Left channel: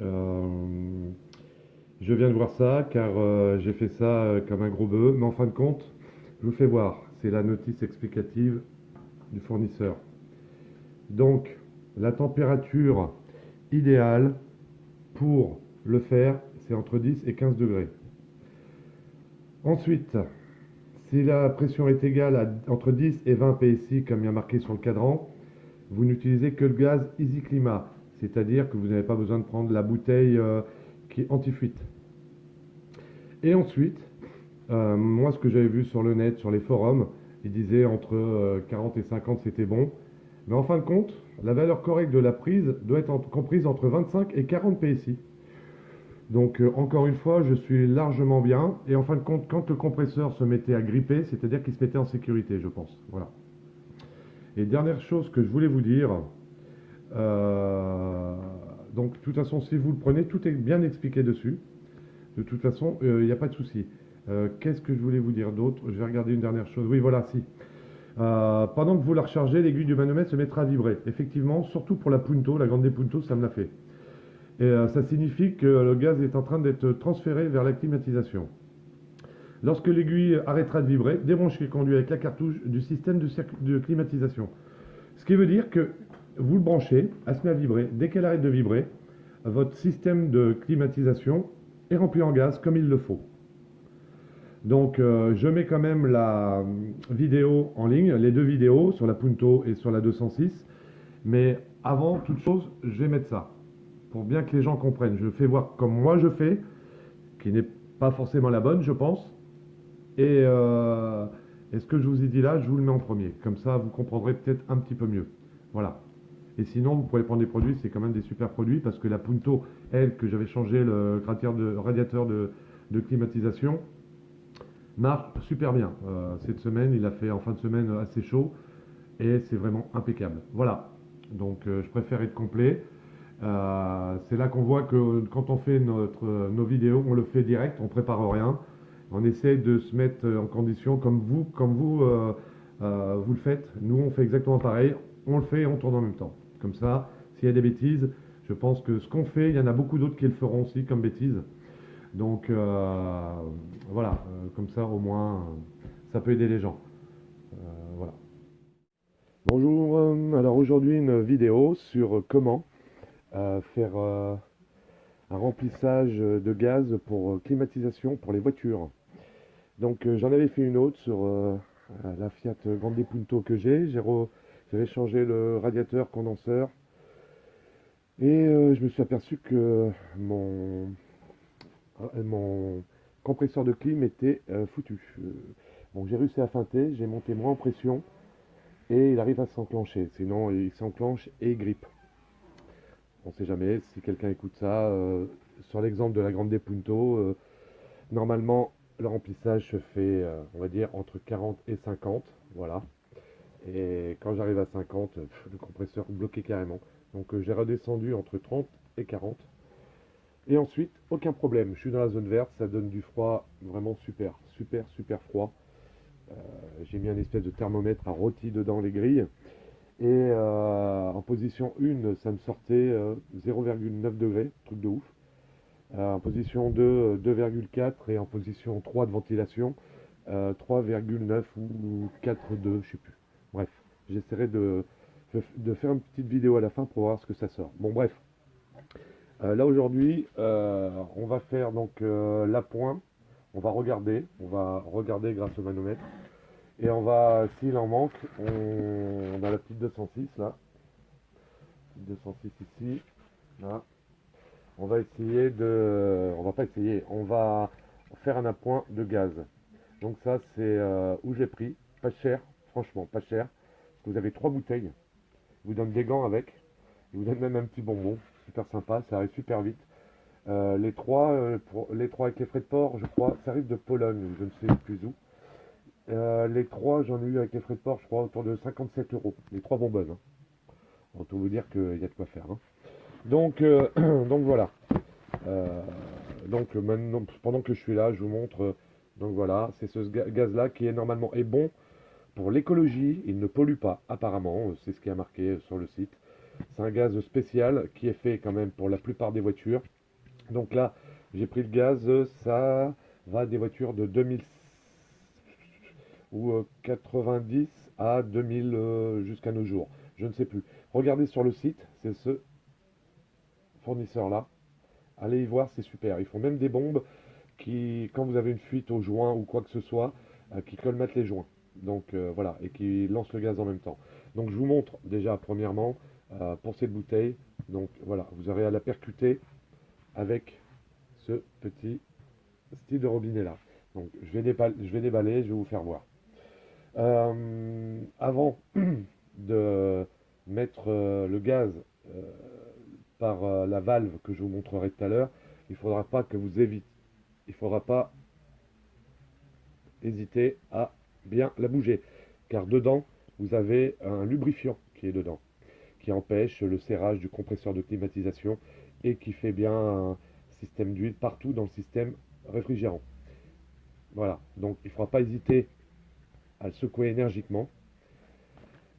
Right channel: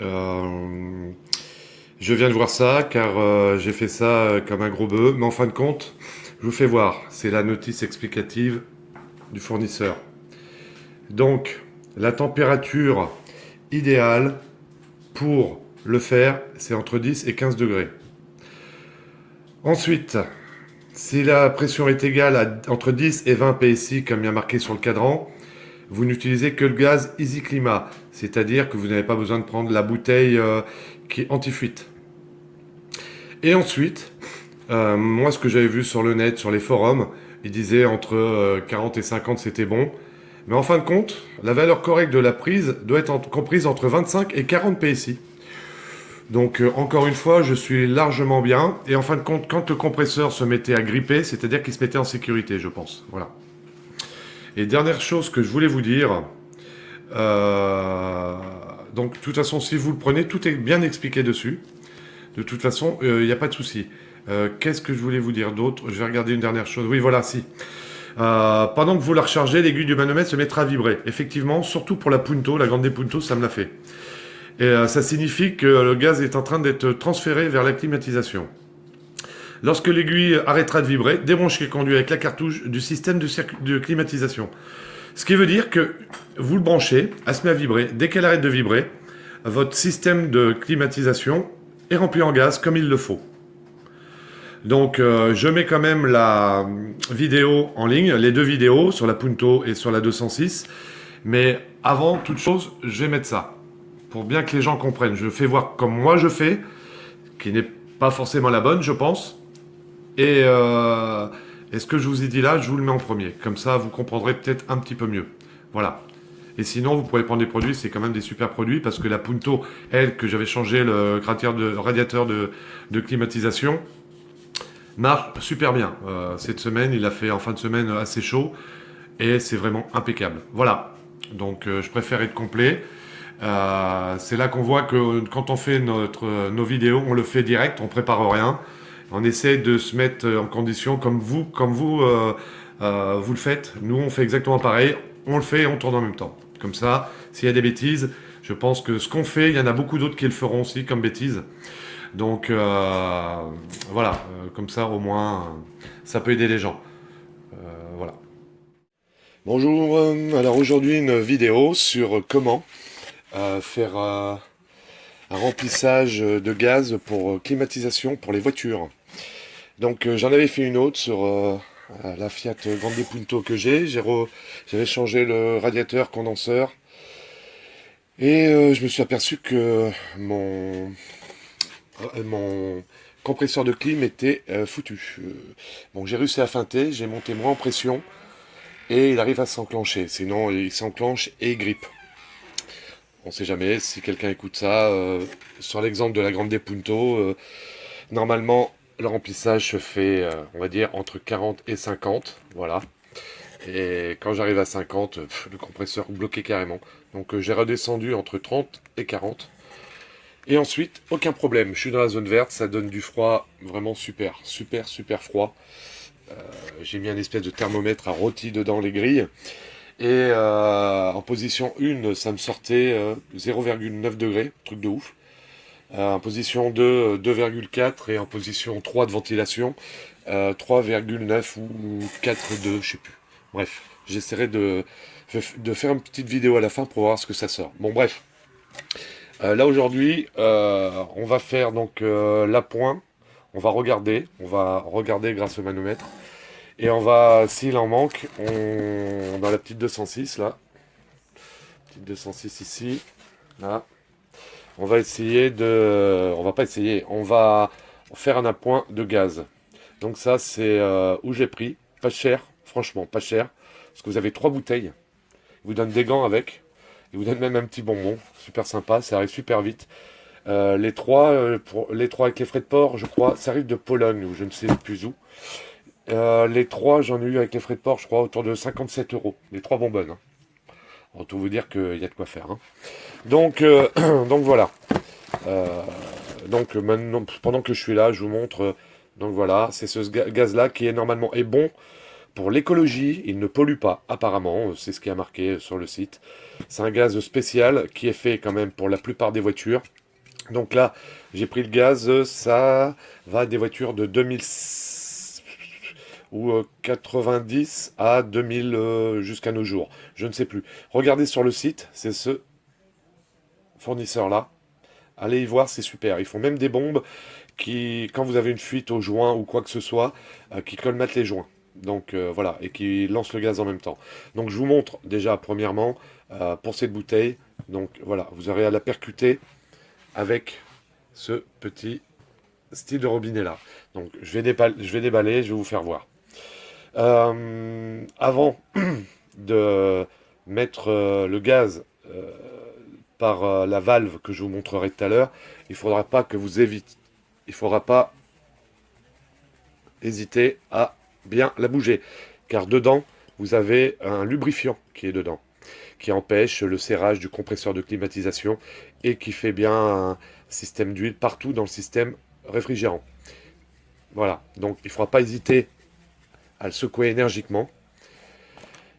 Euh, je viens de voir ça car j'ai fait ça comme un gros bœuf, mais en fin de compte, je vous fais voir. C'est la notice explicative du fournisseur. Donc, la température idéale pour le faire, c'est entre 10 et 15 degrés. Ensuite, si la pression est égale à entre 10 et 20 PSI, comme il y a marqué sur le cadran, vous n'utilisez que le gaz Easy Climat, c'est-à-dire que vous n'avez pas besoin de prendre la bouteille qui est anti-fuite. Et ensuite, moi, ce que j'avais vu sur le net, sur les forums, ils disaient entre 40 et 50, c'était bon. Mais en fin de compte, la valeur correcte de la prise doit être comprise entre 25 et 40 PSI. Donc, encore une fois, je suis largement bien. Et en fin de compte, quand le compresseur se mettait à gripper, c'est-à-dire qu'il se mettait en sécurité, je pense. Voilà. Et dernière chose que je voulais vous dire, euh, donc, de toute façon, si vous le prenez, tout est bien expliqué dessus. De toute façon, il n'y a pas de souci. Qu'est-ce que je voulais vous dire d'autre? Je vais regarder une dernière chose. Oui, voilà, si. Pendant que vous la rechargez, l'aiguille du manomètre se mettra à vibrer. Effectivement, surtout pour la Punto, la grande Punto, ça me l'a fait. Et ça signifie que le gaz est en train d'être transféré vers la climatisation. Lorsque l'aiguille arrêtera de vibrer, débranchez le conduit avec la cartouche du système de climatisation. Ce qui veut dire que vous le branchez, elle se met à vibrer. Dès qu'elle arrête de vibrer, votre système de climatisation est rempli en gaz comme il le faut. Donc je mets quand même la vidéo en ligne, les deux vidéos sur la Punto et sur la 206. Mais avant toute chose, je vais mettre ça. Pour bien que les gens comprennent. Je fais voir comme moi je fais, qui n'est pas forcément la bonne, je pense. Et ce que je vous ai dit là, je vous le mets en premier. Comme ça, vous comprendrez peut-être un petit peu mieux. Voilà. Et sinon, vous pouvez prendre des produits, c'est quand même des super produits, parce que la Punto, elle, que j'avais changé le radiateur de climatisation, marche super bien. Cette semaine, il a fait en fin de semaine assez chaud, et c'est vraiment impeccable. Voilà. Donc, je préfère être complet. C'est là qu'on voit que quand on fait nos vidéos, on le fait direct, on prépare rien. On essaie de se mettre en condition comme vous le faites. Nous, on fait exactement pareil. On le fait et on tourne en même temps. Comme ça, s'il y a des bêtises, je pense que ce qu'on fait, il y en a beaucoup d'autres qui le feront aussi comme bêtises. Donc voilà, comme ça au moins, ça peut aider les gens. Voilà. Bonjour, alors aujourd'hui une vidéo sur comment faire un remplissage de gaz pour climatisation pour les voitures. Donc j'en avais fait une autre sur la Fiat Grande Punto que j'ai. J'avais changé le radiateur condenseur et je me suis aperçu que mon compresseur de clim était foutu. Bon, j'ai réussi à feinter, j'ai monté moins en pression et il arrive à s'enclencher. Sinon, il s'enclenche et il grippe. On ne sait jamais si quelqu'un écoute ça. Sur l'exemple de la Grande Punto, normalement, le remplissage se fait, on va dire, entre 40 et 50. Voilà. Et quand j'arrive à 50, le compresseur bloqué carrément. Donc j'ai redescendu entre 30 et 40. Et ensuite, aucun problème. Je suis dans la zone verte, ça donne du froid vraiment super, super, super froid. J'ai mis un espèce de thermomètre à rôti dedans les grilles. Et en position 1, ça me sortait 0,9 degrés, truc de ouf. En position 2, 2,4 et en position 3 de ventilation, 3,9 ou 4,2, je sais plus. Bref, j'essaierai de faire une petite vidéo à la fin pour voir ce que ça sort. Bon, bref. Là aujourd'hui, on va faire donc l'appoint. On va regarder grâce au manomètre. Et on va, s'il en manque, dans la petite 206 là, petite 206 ici, là, on va essayer de, on va pas essayer, on va faire un appoint de gaz. Donc ça, c'est où j'ai pris, pas cher, franchement, pas cher, parce que vous avez 3 bouteilles. Ils vous donnent des gants avec, ils vous donnent même un petit bonbon, super sympa, ça arrive super vite. Les trois avec les frais de port, je crois, ça arrive de Pologne ou je ne sais plus où. Les trois, j'en ai eu avec les frais de port, je crois, autour de 57 euros. Les 3 bonbonnes. Hein. Autant vous dire qu'il y a de quoi faire. Hein. Donc, donc voilà. Euh, donc maintenant, pendant que je suis là, je vous montre. Donc voilà, c'est ce gaz-là qui est normalement est bon pour l'écologie, il ne pollue pas, apparemment, c'est ce qui a marqué sur le site. C'est un gaz spécial qui est fait quand même pour la plupart des voitures. Donc là, j'ai pris le gaz, ça va des voitures de 2000 ou 90 à 2000 jusqu'à nos jours. Je ne sais plus. Regardez sur le site, c'est ce fournisseur-là. Allez y voir, c'est super. Ils font même des bombes qui, quand vous avez une fuite au joint ou quoi que ce soit, qui colmatent les joints. Donc voilà, et qui lancent le gaz en même temps. Donc je vous montre déjà premièrement pour cette bouteille. Donc voilà, vous aurez à la percuter avec ce petit style de robinet là. Donc je vais déballer, je vais vous faire voir. Avant de mettre le gaz par la valve que je vous montrerai tout à l'heure, il ne faudra pas que vous évitez. Il ne faudra pas hésiter à bien la bouger, car dedans, vous avez un lubrifiant qui est dedans, qui empêche le serrage du compresseur de climatisation et qui fait bien un système d'huile partout dans le système réfrigérant. Voilà, donc il ne faudra pas hésiter à le secouer énergiquement.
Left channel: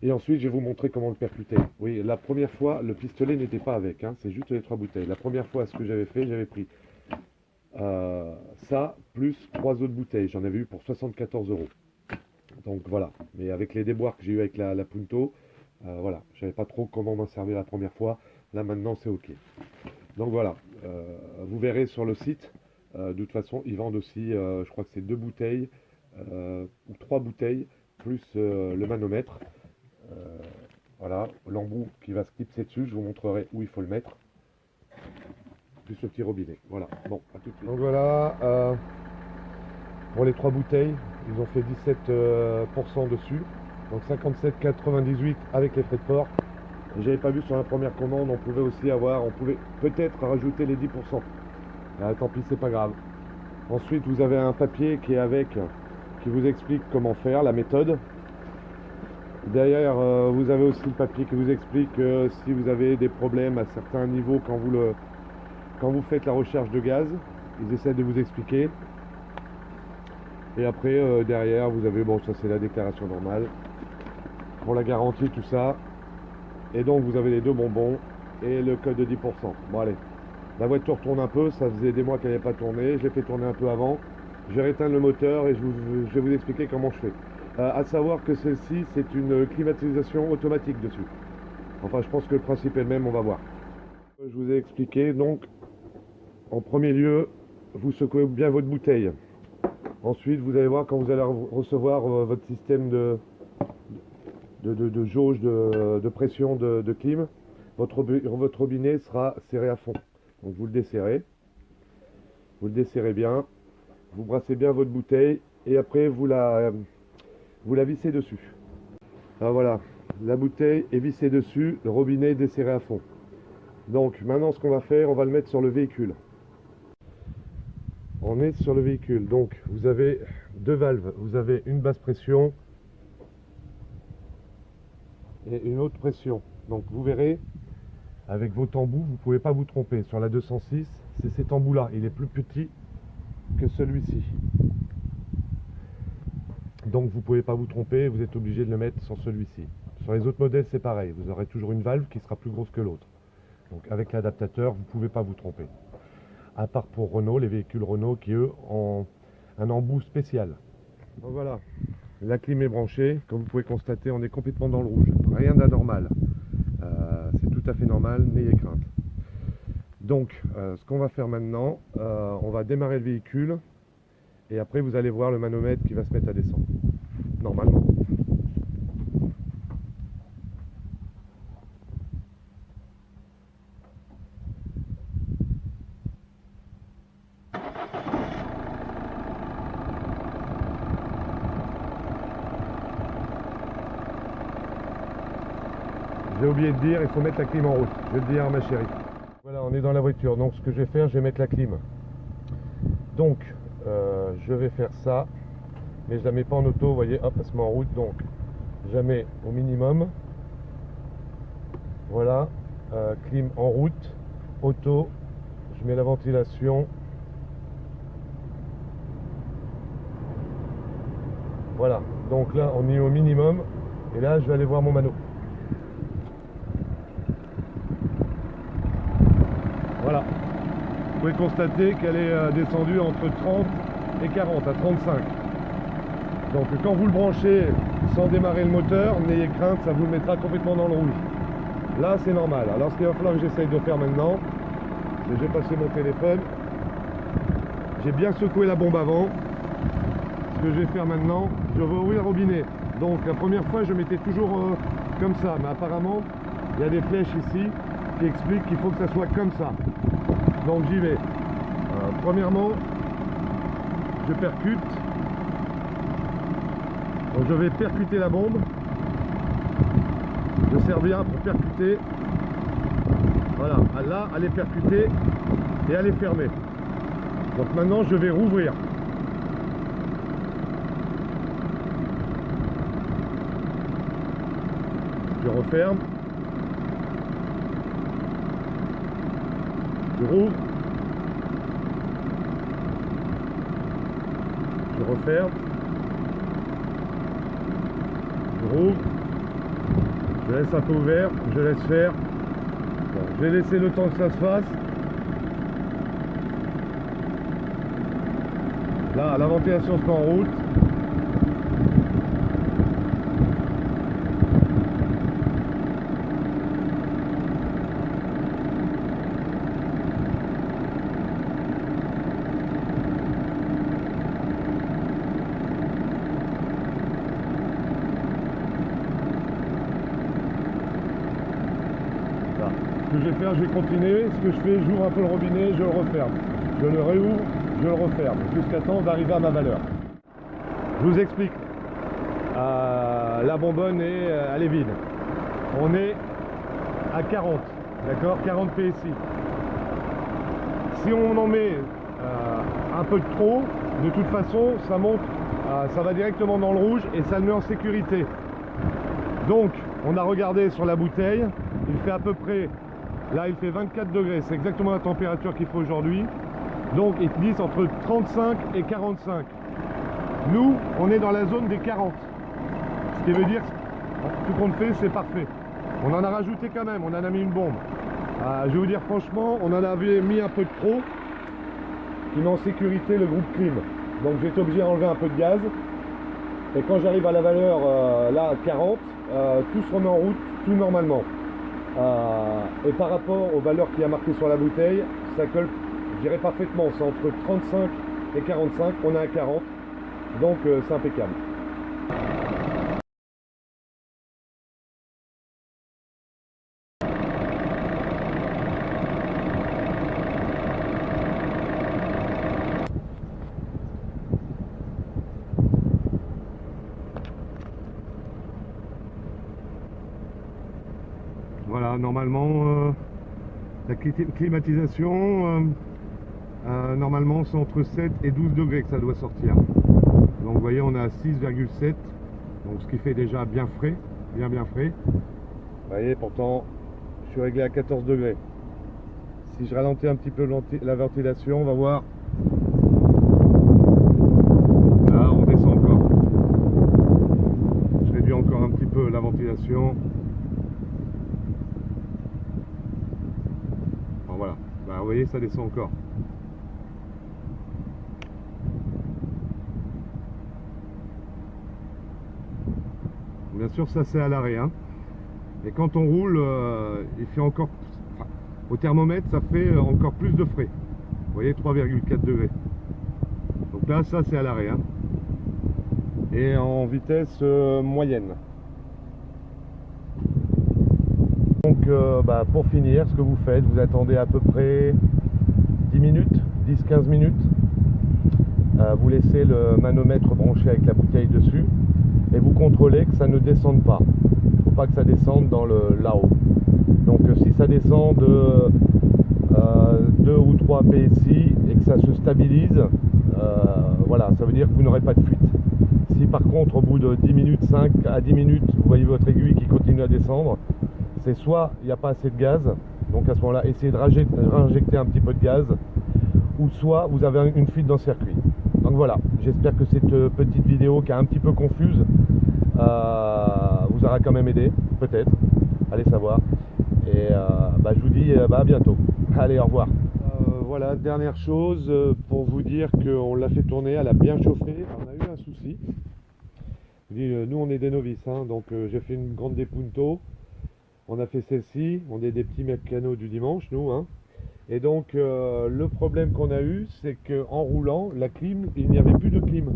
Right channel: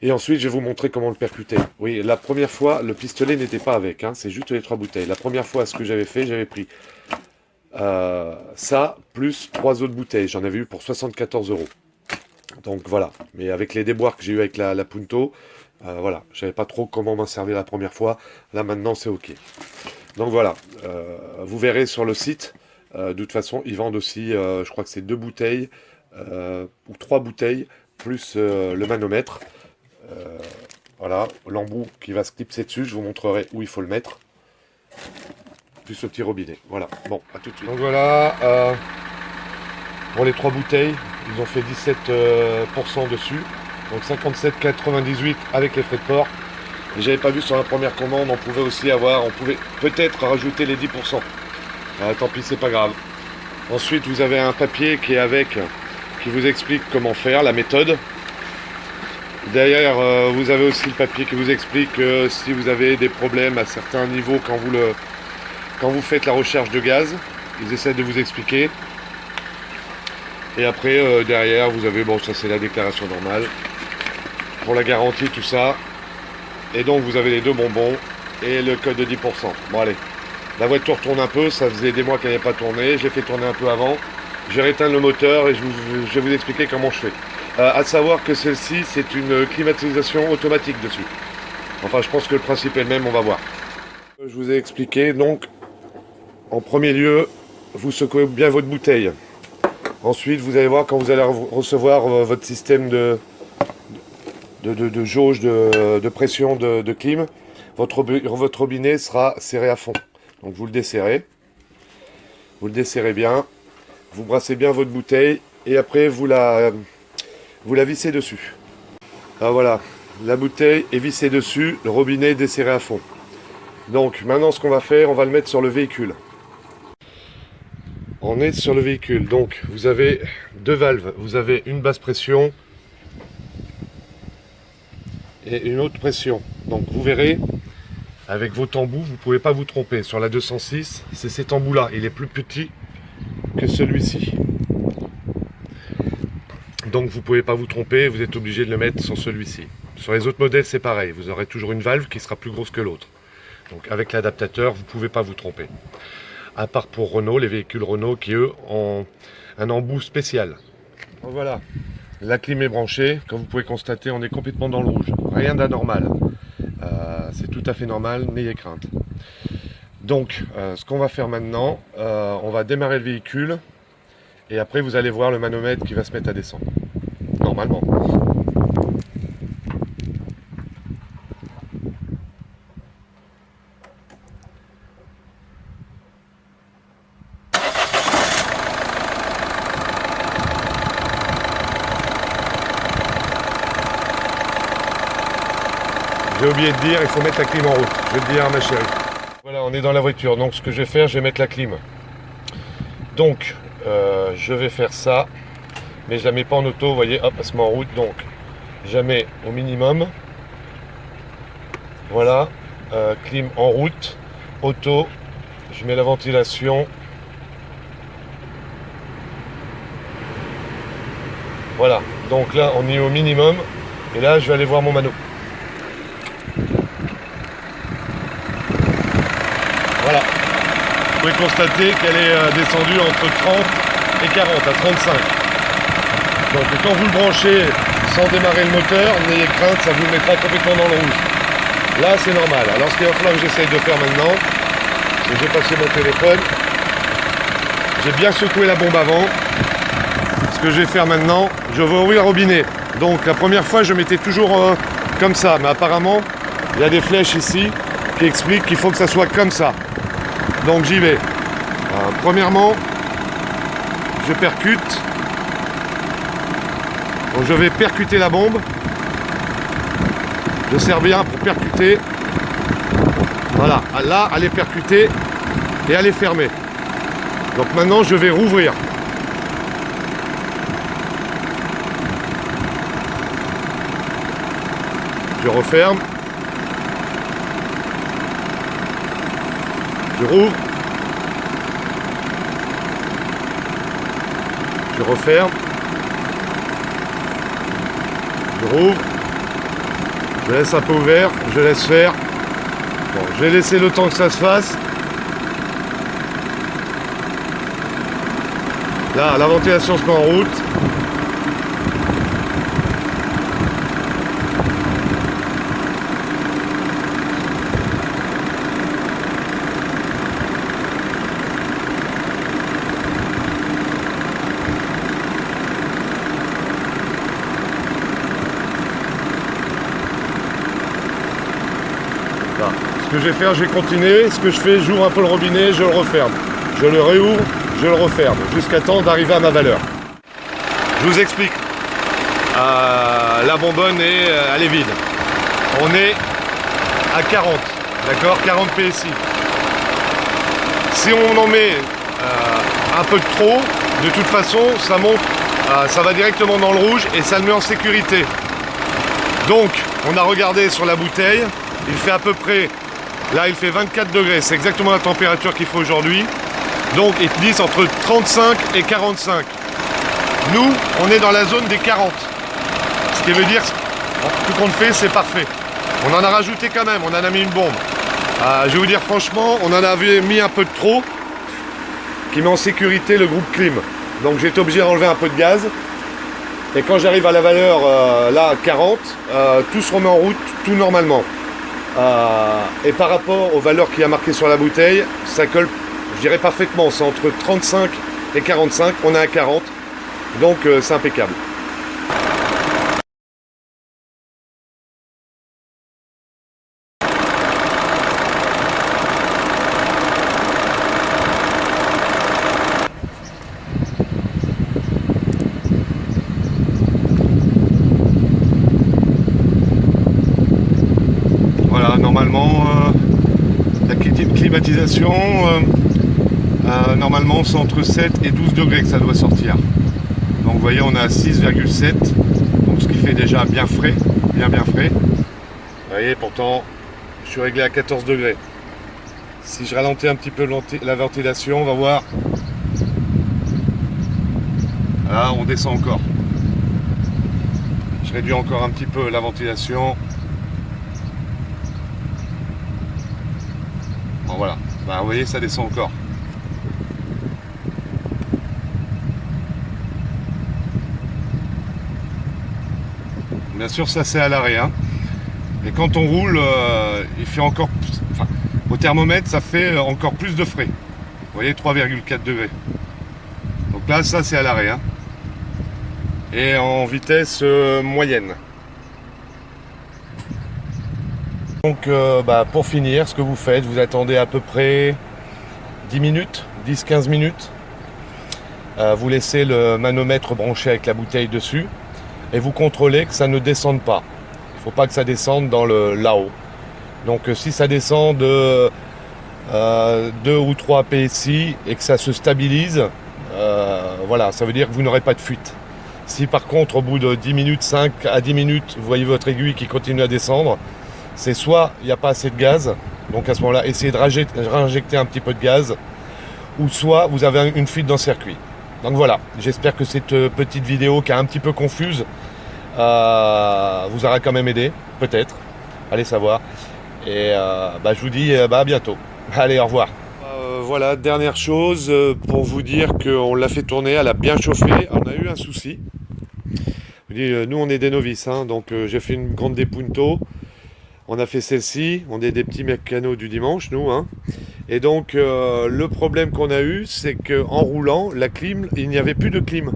Et ensuite, je vais vous montrer comment le percuter. Oui, la première fois, le pistolet n'était pas avec, hein, c'est juste les 3 bouteilles. La première fois, ce que j'avais fait, j'avais pris ça, plus 3 autres bouteilles. J'en avais eu pour 74 €. Donc voilà, mais avec les déboires que j'ai eu avec la Punto, voilà, je savais pas trop comment m'en servir la première fois. Là maintenant, c'est ok. Donc voilà, vous verrez sur le site, de toute façon, ils vendent aussi, je crois que c'est 2 bouteilles, ou 3 bouteilles, plus le manomètre. Voilà, l'embout qui va se clipser dessus, je vous montrerai où il faut le mettre. Plus le petit robinet. Voilà, bon, à tout de suite. Donc voilà, pour les 3 bouteilles, ils ont fait 17% dessus. Donc 57,98 avec les frais de port. Et j'avais pas vu sur la première commande, on pouvait aussi avoir, on pouvait peut-être rajouter les 10%. Tant pis, c'est pas grave. Ensuite, vous avez un papier qui est avec, qui vous explique comment faire, la méthode. Derrière, vous avez aussi le papier qui vous explique si vous avez des problèmes à certains niveaux quand vous faites la recherche de gaz. Ils essaient de vous expliquer. Et après, derrière, vous avez, bon, ça c'est la déclaration normale. Pour la garantie, tout ça. Et donc, vous avez les 2 bonbons et le code de 10%. Bon, allez. La voiture tourne un peu, ça faisait des mois qu'elle n'avait pas tourné. Je l'ai fait tourner un peu avant. Je vais éteindre le moteur et je vais vous expliquer comment je fais. À savoir que celle-ci, c'est une climatisation automatique dessus. Enfin, je pense que le principe est le même, on va voir. Je vous ai expliqué, donc, en premier lieu, vous secouez bien votre bouteille. Ensuite, vous allez voir quand vous allez recevoir votre système de jauge de pression de clim, votre robinet sera serré à fond. Donc vous le desserrez bien, vous brassez bien votre bouteille et après vous la vissez dessus. Alors voilà, la bouteille est vissée dessus, le robinet est desserré à fond. Donc maintenant ce qu'on va faire, on va le mettre sur le véhicule. On est sur le véhicule, donc vous avez 2 valves, vous avez une basse pression et une haute pression. Donc vous verrez, avec votre embout, vous ne pouvez pas vous tromper. Sur la 206, c'est cet embout-là, il est plus petit que celui-ci. Donc vous ne pouvez pas vous tromper, vous êtes obligé de le mettre sur celui-ci. Sur les autres modèles, c'est pareil, vous aurez toujours une valve qui sera plus grosse que l'autre. Donc avec l'adaptateur, vous ne pouvez pas vous tromper. À part pour Renault, les véhicules Renault qui eux ont un embout spécial. Donc voilà, la clim est branchée. Comme vous pouvez constater, on est complètement dans le rouge. Rien d'anormal. C'est tout à fait normal, n'ayez crainte. Donc, ce qu'on va faire maintenant, on va démarrer le véhicule. Et après, vous allez voir le manomètre qui va se mettre à descendre. Normalement. J'ai oublié de dire, il faut mettre la clim en route. Je vais te dire, ma chérie. Voilà, on est dans la voiture. Donc, ce que je vais faire, je vais mettre la clim. Donc, je vais faire ça. Mais je la mets pas en auto, vous voyez, hop, elle se met en route. Donc, je la mets au minimum. Voilà. Clim en route. Auto. Je mets la ventilation. Voilà. Donc là on est au minimum. Et là je vais aller voir mon mano. Voilà. Vous pouvez constater qu'elle est descendue entre 30 et 40 à 35. Donc quand vous le branchez sans démarrer le moteur, n'ayez crainte, ça vous mettra complètement dans le rouge. Là c'est normal. Alors ce qu'il va falloir que j'essaye de faire maintenant, c'est que j'ai passé mon téléphone, j'ai bien secoué la bombe avant. Ce que je vais faire maintenant, je vais ouvrir le robinet. Donc la première fois je mettais toujours comme ça, mais apparemment il y a des flèches ici qui expliquent qu'il faut que ça soit comme ça. Donc j'y vais. Premièrement, je percute. Donc je vais percuter la bombe. Je serre bien pour percuter. Voilà, là elle est percutée et elle est fermée. Donc maintenant je vais rouvrir. Je referme. Je rouvre. Je referme. Je rouvre. Je laisse un peu ouvert. Je laisse faire. Bon, je vais laisser le temps que ça se fasse. Là, la ventilation se met en route. Ce que je vais faire, je vais continuer. Ce que je fais, j'ouvre un peu le robinet, je le referme. Je le réouvre, je le referme, jusqu'à temps d'arriver à ma valeur. Je vous explique. La bonbonne, elle est vide. On est à 40, d'accord, 40 PSI. Si on en met un peu de trop, de toute façon, ça monte, ça va directement dans le rouge et ça le met en sécurité. Donc, on a regardé sur la bouteille, il fait à peu près... Là, il fait 24 degrés, c'est exactement la température qu'il faut aujourd'hui. Donc, ils disent entre 35 et 45. Nous, on est dans la zone des 40. Ce qui veut dire, tout compte fait, c'est parfait. On en a rajouté quand même, on en a mis une bombe. Je vais vous dire franchement, on en avait mis un peu de trop, qui met en sécurité le groupe clim. Donc, j'ai été obligé d'enlever un peu de gaz. Et quand j'arrive à la valeur, là, 40, tout se remet en route, tout normalement. Et par rapport aux valeurs qu'il y a marquées sur la bouteille, ça colle, je dirais parfaitement, c'est entre 35 et 45, on est à 40, donc c'est impeccable. Voilà, normalement, la climatisation, normalement, c'est entre 7 et 12 degrés que ça doit sortir. Donc, vous voyez, on est à 6,7, donc ce qui fait déjà bien frais, bien frais. Vous voyez, pourtant, je suis réglé à 14 degrés. Si je ralentis un petit peu la ventilation, on va voir. Là, on descend encore. Je réduis encore un petit peu la ventilation. Bon, voilà, bah, vous voyez, ça descend encore. Bien sûr, ça c'est à l'arrêt. Hein. Et quand on roule, il fait encore... Enfin, au thermomètre, ça fait encore plus de frais. Vous voyez, 3,4 degrés. Donc là, ça c'est à l'arrêt. Hein. Et en vitesse moyenne. Donc pour finir, ce que vous faites, vous attendez à peu près 10 minutes, 10-15 minutes. Vous laissez le manomètre branché avec la bouteille dessus et vous contrôlez que ça ne descende pas. Il ne faut pas que ça descende dans là-haut. Donc si ça descend de 2 ou 3 PSI et que ça se stabilise, voilà, ça veut dire que vous n'aurez pas de fuite. Si par contre au bout de 10 minutes, 5 à 10 minutes, vous voyez votre aiguille qui continue à descendre, c'est soit il n'y a pas assez de gaz, donc à ce moment-là, essayez de réinjecter un petit peu de gaz, ou soit vous avez une fuite dans le circuit. Donc voilà, j'espère que cette petite vidéo qui est un petit peu confuse vous aura quand même aidé, peut-être, allez savoir. Et je vous dis à bientôt. Allez, au revoir. Voilà, dernière chose pour vous dire qu'on l'a fait tourner, elle a bien chauffé, on a eu un souci. Je vous dis, nous on est des novices, hein, donc j'ai fait une grande Punto, on a fait celle-ci, on est des petits mécanos du dimanche, nous, hein. Et donc le problème qu'on a eu, c'est qu'en roulant, la clim, il n'y avait plus de clim.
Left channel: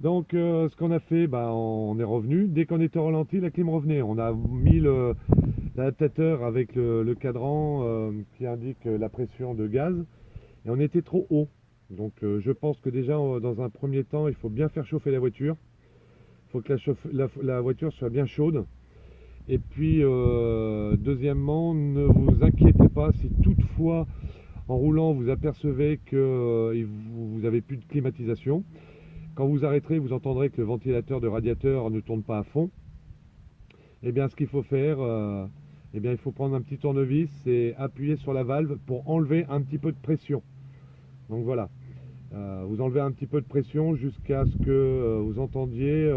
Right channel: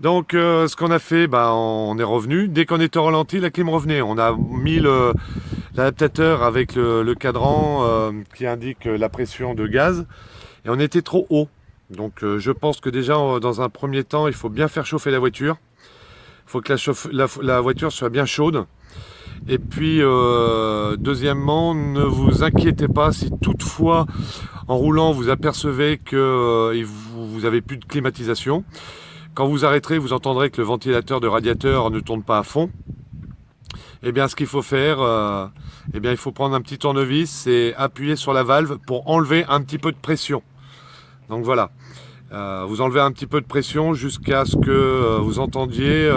Donc ce qu'on a fait, on est revenu. Dès qu'on était au ralenti, la clim revenait. On a mis l'adaptateur avec le cadran qui indique la pression de gaz. Et on était trop haut. Donc je pense que déjà, dans un premier temps, il faut bien faire chauffer la voiture. Il faut que la voiture soit bien chaude. Et puis, deuxièmement, ne vous inquiétez pas si toutefois, en roulant, vous apercevez que vous n'avez plus de climatisation. Quand vous arrêterez, vous entendrez que le ventilateur de radiateur ne tourne pas à fond. Eh bien, ce qu'il faut faire, il faut prendre un petit tournevis et appuyer sur la valve pour enlever un petit peu de pression. Donc voilà, vous enlevez un petit peu de pression jusqu'à ce que vous entendiez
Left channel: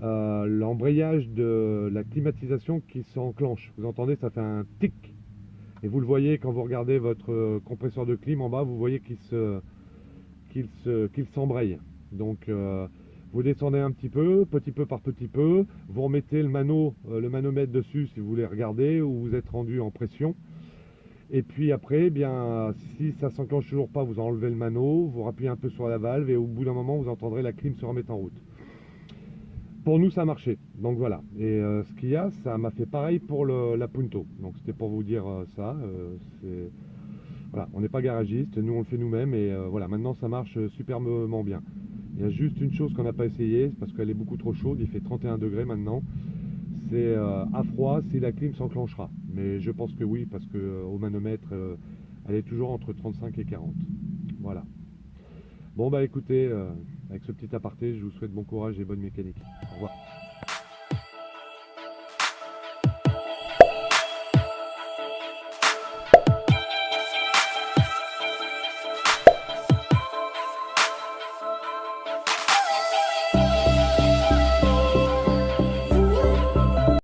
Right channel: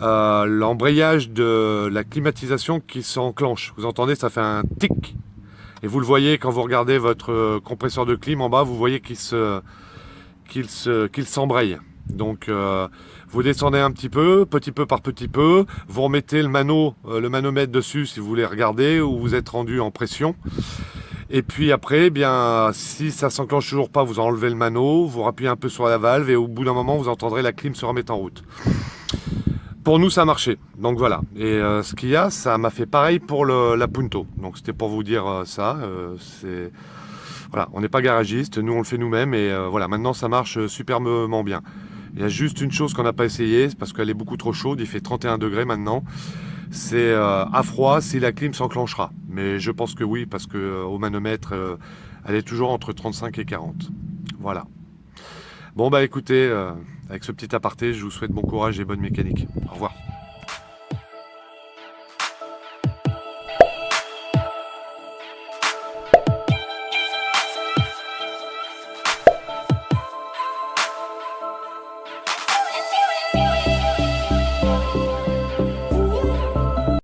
l'embrayage de la climatisation qui s'enclenche. Vous entendez, ça fait un tic. Et vous le voyez quand vous regardez votre compresseur de clim en bas, vous voyez qu'il s'embraye. Donc vous descendez un petit peu par petit peu, vous remettez le manomètre dessus si vous voulez regarder où vous êtes rendu en pression. Et puis après, si ça s'enclenche toujours pas, vous enlevez le mano, vous rappuyez un peu sur la valve et au bout d'un moment, vous entendrez la clim se remettre en route. Pour nous, ça a marché. Donc voilà. Et ce qu'il y a, ça m'a fait pareil pour la Punto. Donc c'était pour vous dire ça. Voilà, on n'est pas garagiste, nous on le fait nous-mêmes et voilà, maintenant ça marche superbement bien. Il y a juste une chose qu'on n'a pas essayé, c'est parce qu'elle est beaucoup trop chaude, il fait 31 degrés maintenant. C'est à froid si la clim s'enclenchera. Mais je pense que oui, parce qu'au manomètre, elle est toujours entre 35 et 40. Voilà. Bon écoutez, avec ce petit aparté, je vous souhaite bon courage et bonne mécanique. Au revoir.